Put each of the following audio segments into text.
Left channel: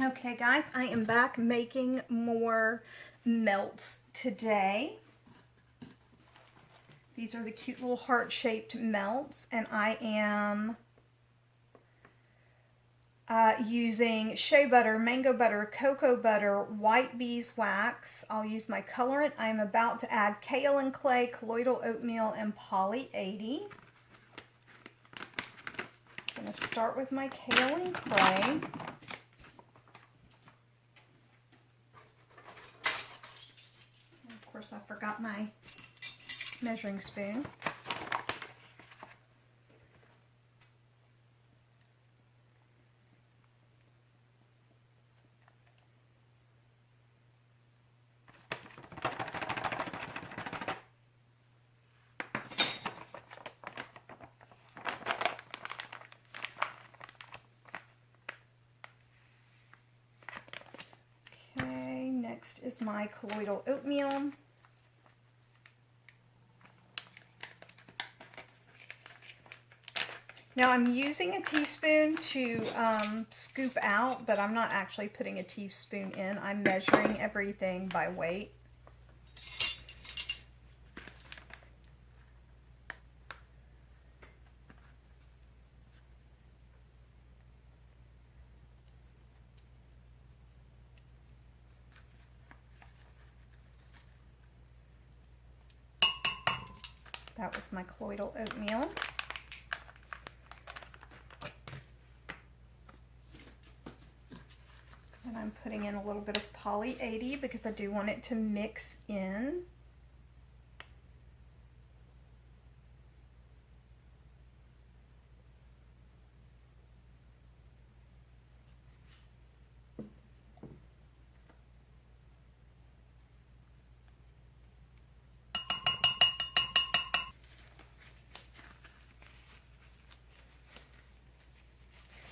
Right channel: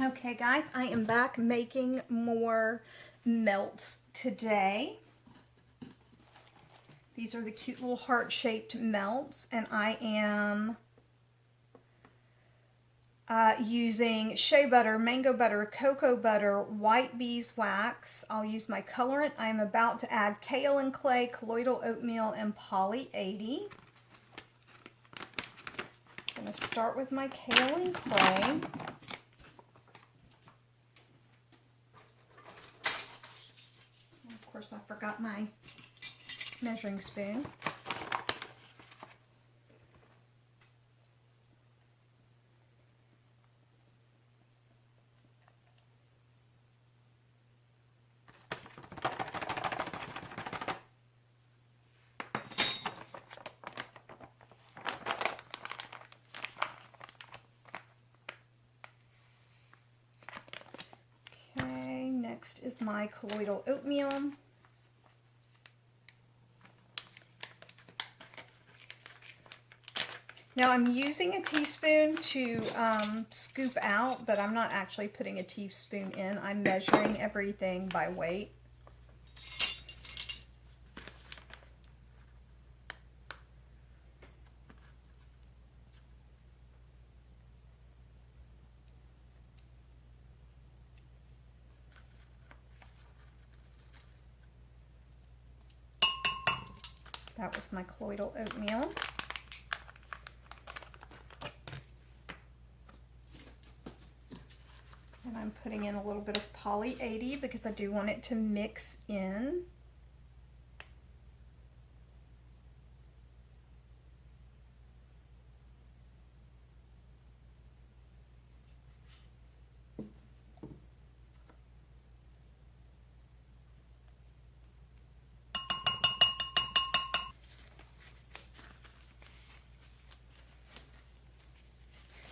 Okay guys, I am back making more melts today. These are the cute little heart-shaped melts, and I am using shea butter, mango butter, cocoa butter, white beeswax. I'll use my colorant. I'm about to add kaolin clay, colloidal oatmeal, and poly 80. I'm going to start with my kaolin clay. Of course, I forgot my measuring spoon. Okay, next is my colloidal oatmeal. Now I'm using a teaspoon to scoop out, but I'm not actually putting a teaspoon in. I'm measuring everything by weight. That was my colloidal oatmeal. And I'm putting in a little bit of poly 80 because I do want it to mix in.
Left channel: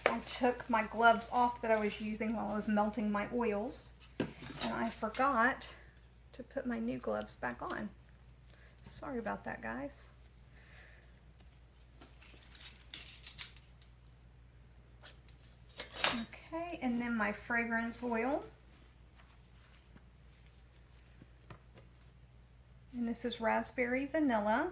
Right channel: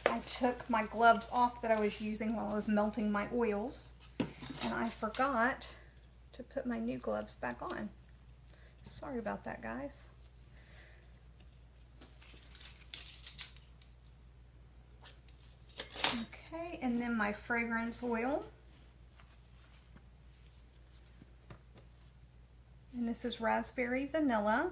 I took my gloves off that I was using while I was melting my oils, and I forgot to put my new gloves back on. Sorry about that, guys. Okay, and then my fragrance oil. And this is raspberry vanilla.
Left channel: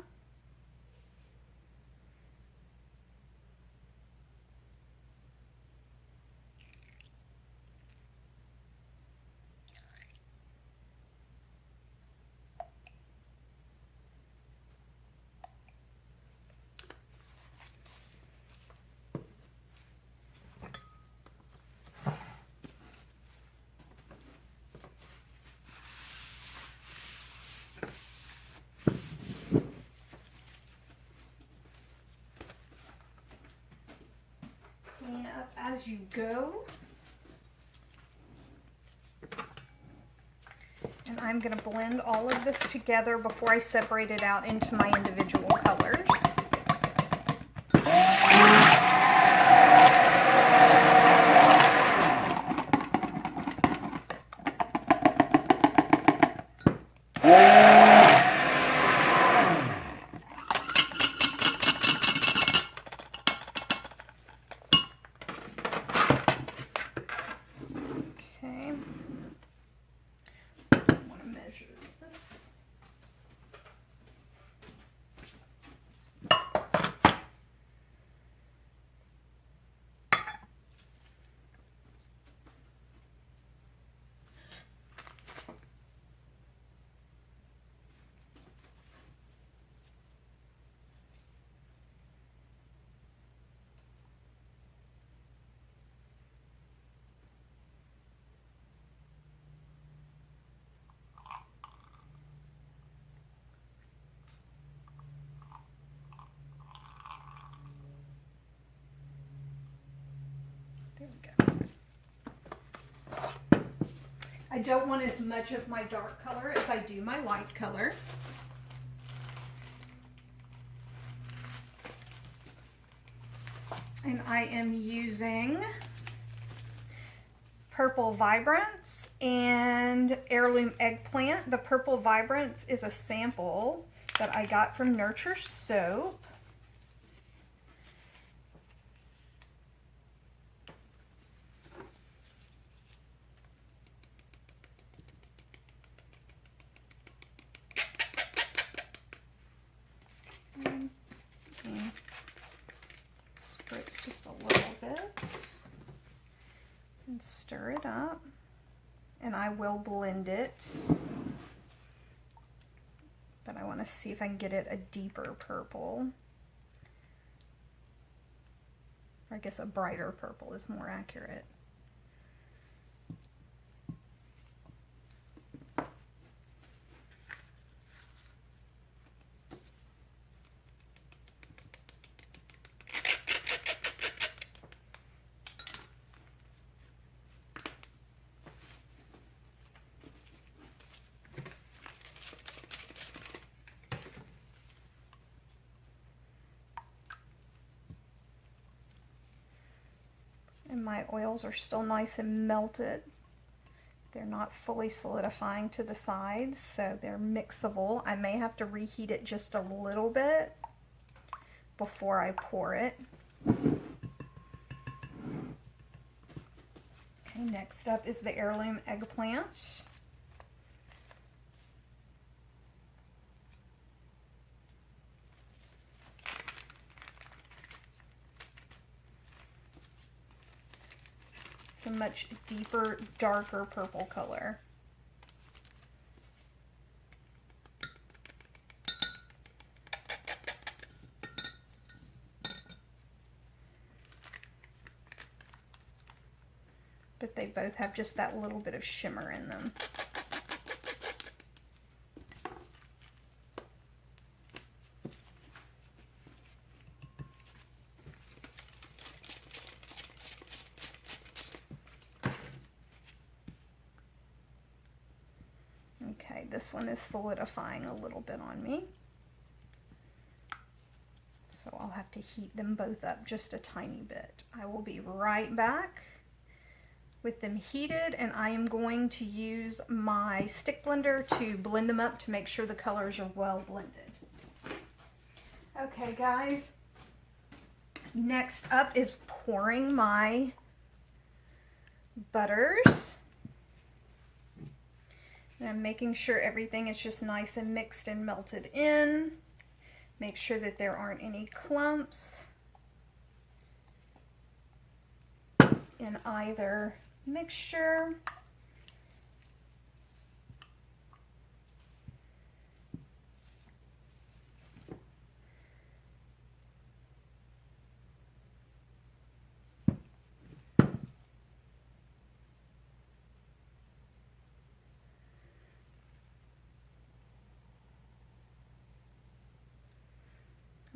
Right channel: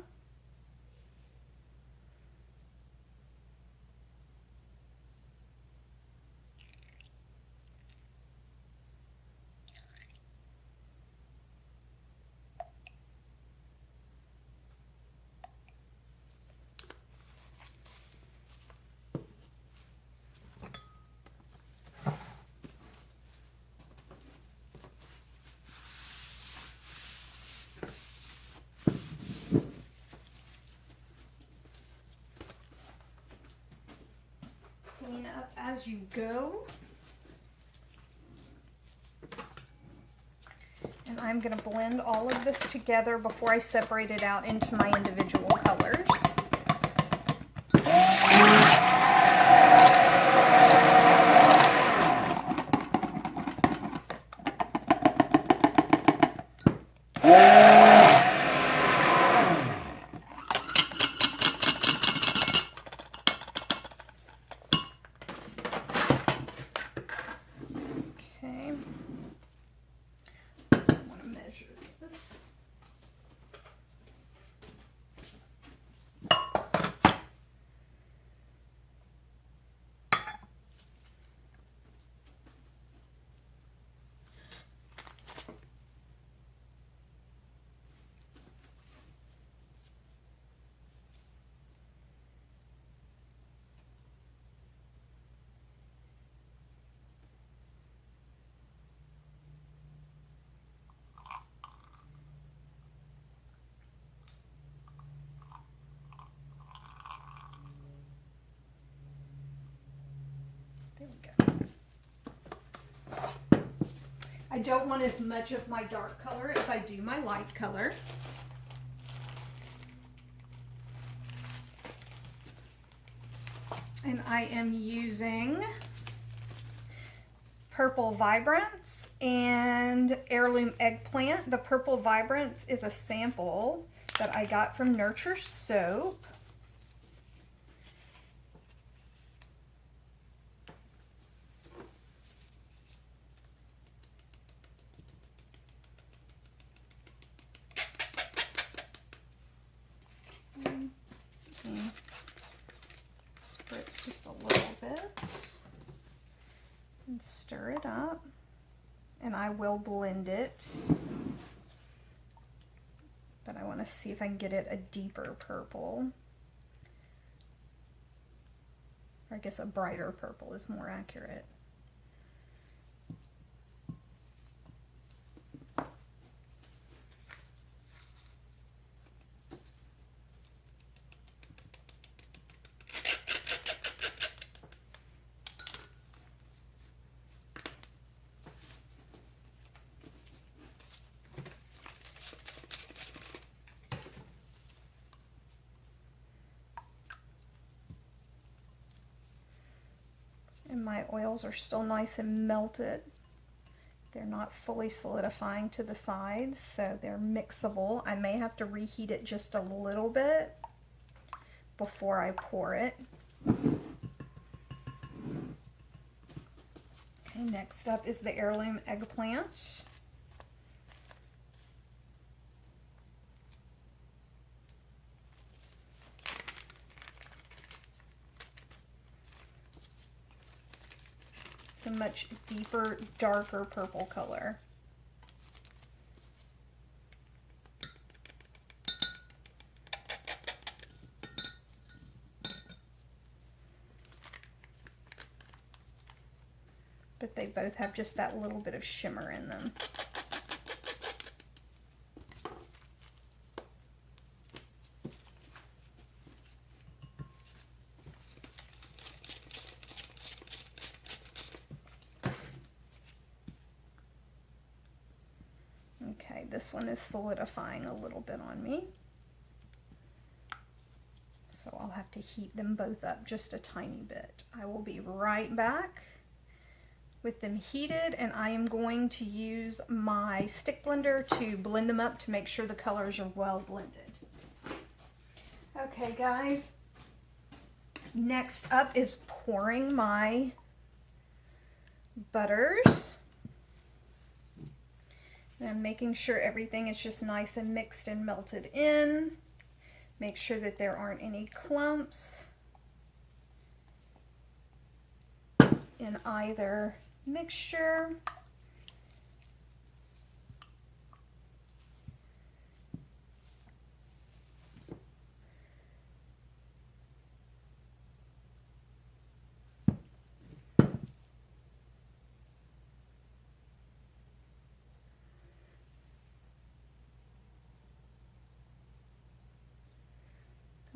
Clean up as you go. And I'm going to blend all of this together before I separate it out into my individual colors. There we go. I don't want as much of my dark color as I do my light color. And I am using Purple Vibrance and Heirloom Eggplant. The Purple Vibrance is a sample that I got from Nurture Soap. it and stir it up, and I will blend it, but I want to see if I can get it a deeper purple. Or I guess a brighter purple is more accurate. And my oils are still nice and melted. They're not fully solidifying to the sides, so they're mixable. I may have to reheat it just a little bit before I pour it. Okay, next up is the heirloom eggplant. A much deeper, darker purple color. But they both have just that little bit of shimmer in them. Okay, this one is solidifying a little bit on me. So I'll have to heat them both up just a tiny bit. I will be right back with them heated, and I am going to use my stick blender to blend them up to make sure the colors are well blended. Okay guys, next up is pouring my butters. And I'm making sure everything is just nice and mixed and melted in. Make sure that there aren't any clumps in either mixture.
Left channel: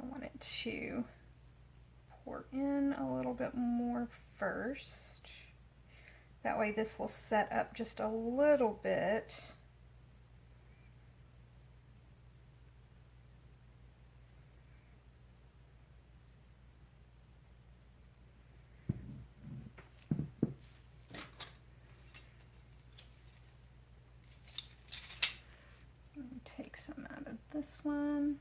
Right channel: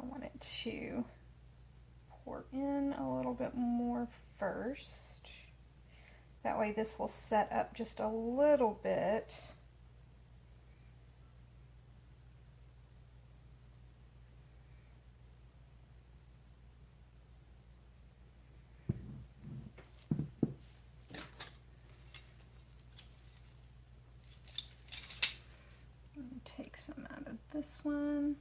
I want it to pour in a little bit more first. That way this will set up just a little bit. Take some out of this one.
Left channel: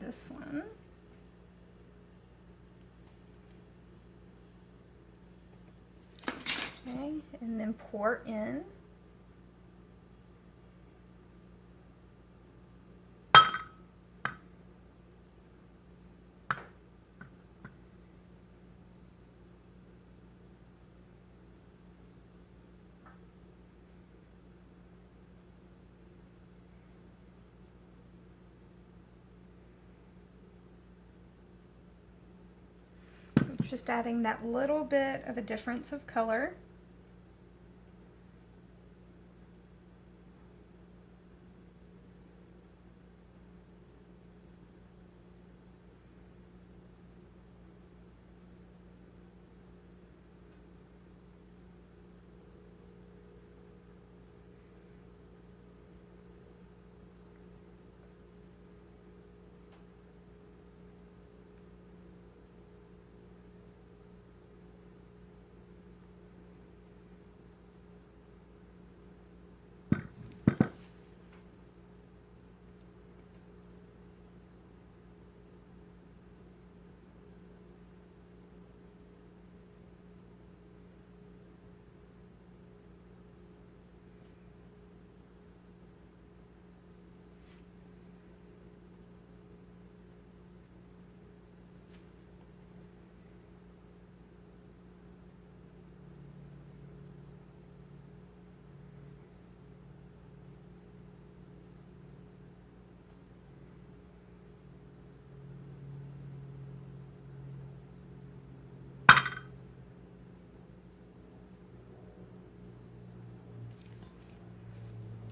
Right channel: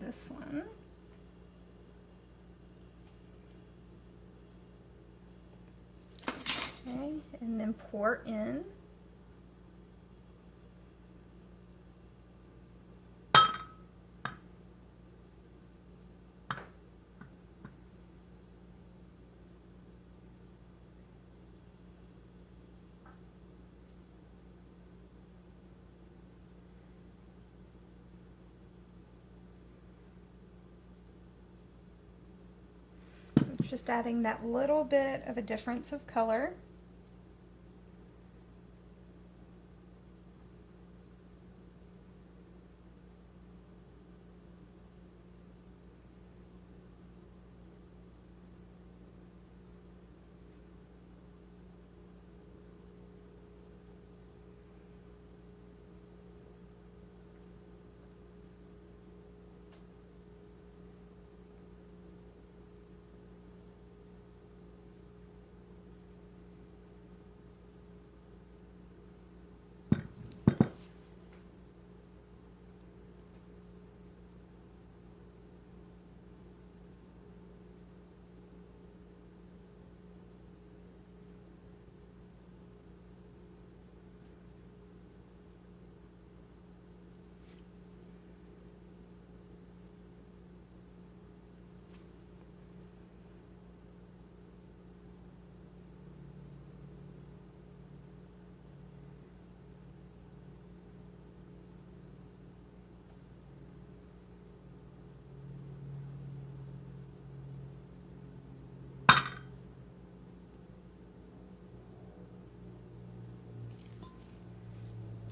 This one. Okay, and then pour in. Just adding that little bit of a difference of color.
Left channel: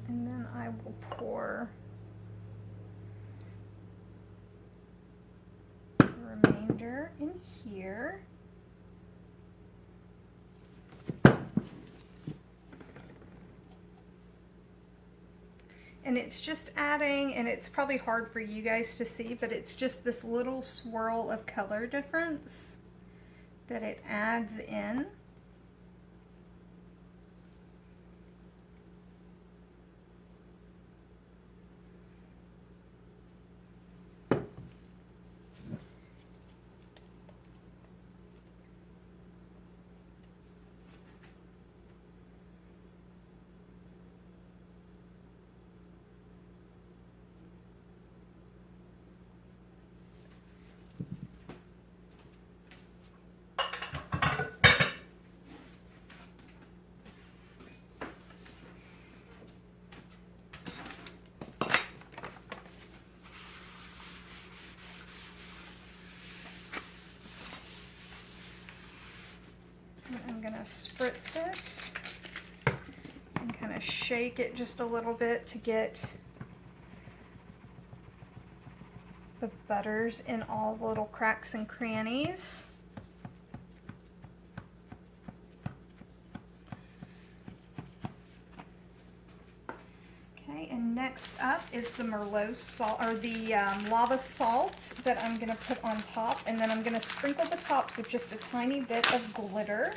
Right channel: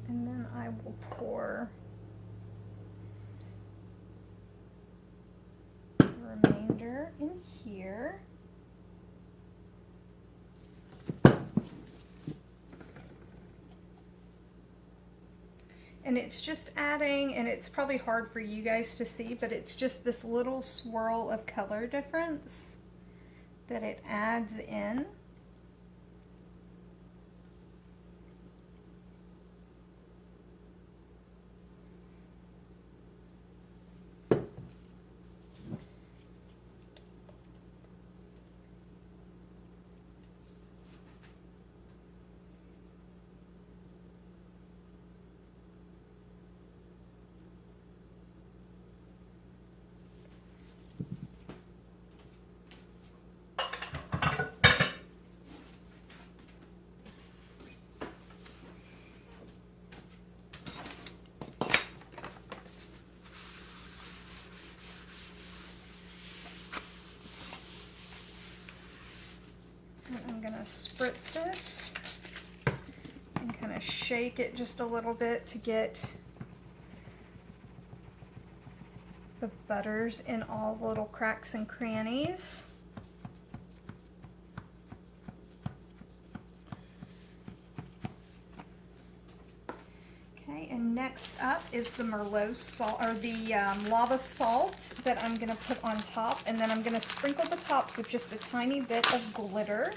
And then I will pour the remainder in here. And it's just adding, and it's probably hard for you guys to see, but it's just this little swirl of color difference that it adds in. I'm gonna spritz it and kind of shake it just a little bit to get the butters in all the little cracks and crannies. Okay, and next up is the Merlot salt, or the lava salt that I'm gonna put on top, and then I'm gonna sprinkle the tops with just a tiny bit of glitter.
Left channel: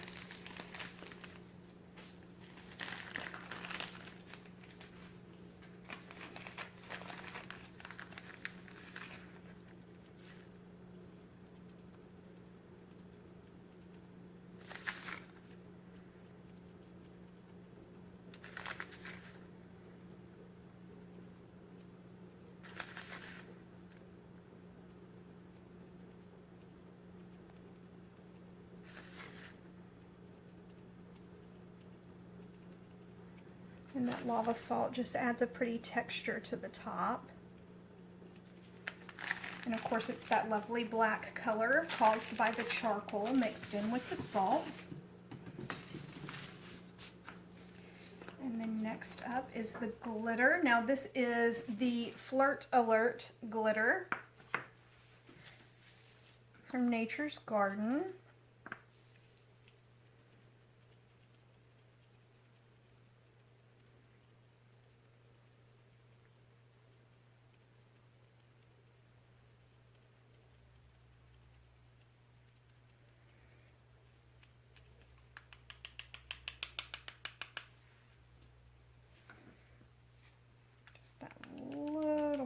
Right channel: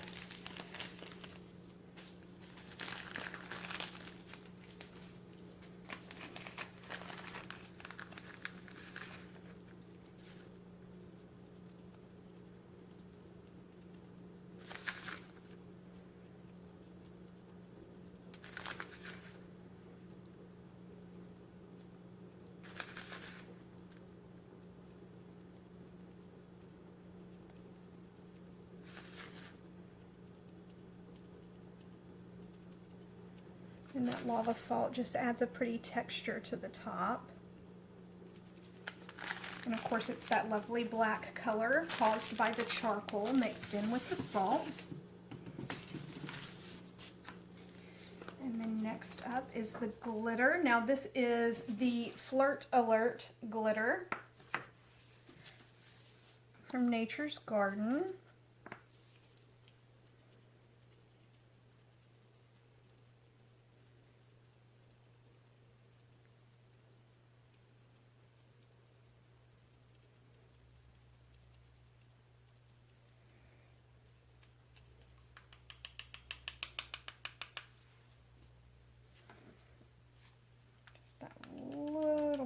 And that lava salt just adds a pretty texture to the top. And of course it's that lovely black color caused by the charcoal mixed in with the salt. And then next up is the glitter. Now this is the Flirt Alert glitter from Nature's Garden.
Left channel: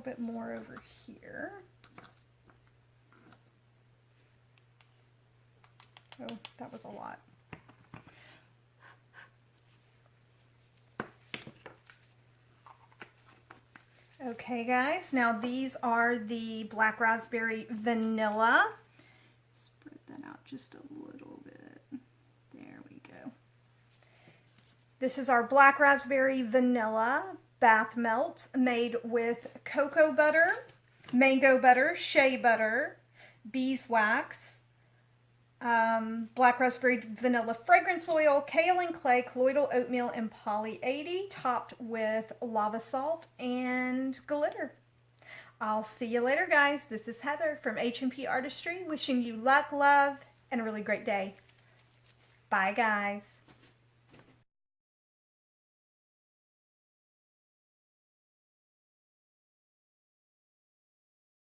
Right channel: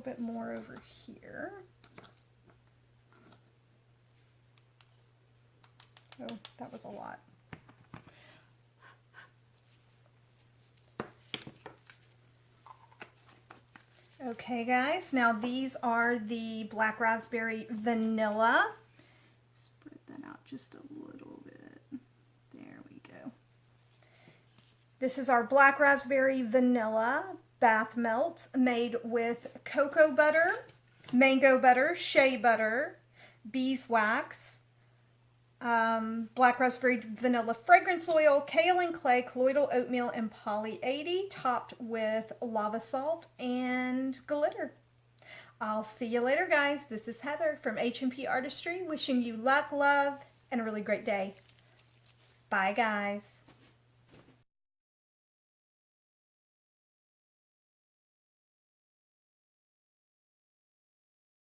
Bit more over here. Oh, that was a lot. Okay guys, now these are the Black Raspberry Vanilla. Spread that out just a little bit. There we go. This is our Black Raspberry Vanilla bath melts made with cocoa butter, mango butter, shea butter, beeswax, black raspberry vanilla fragrance oil, kaolin clay, colloidal oatmeal, and poly 80, topped with lava salt and glitter. I'll see you later, guys. This is Heather from H&P Artistry, wishing you luck, love, and a really great day. Bye, guys.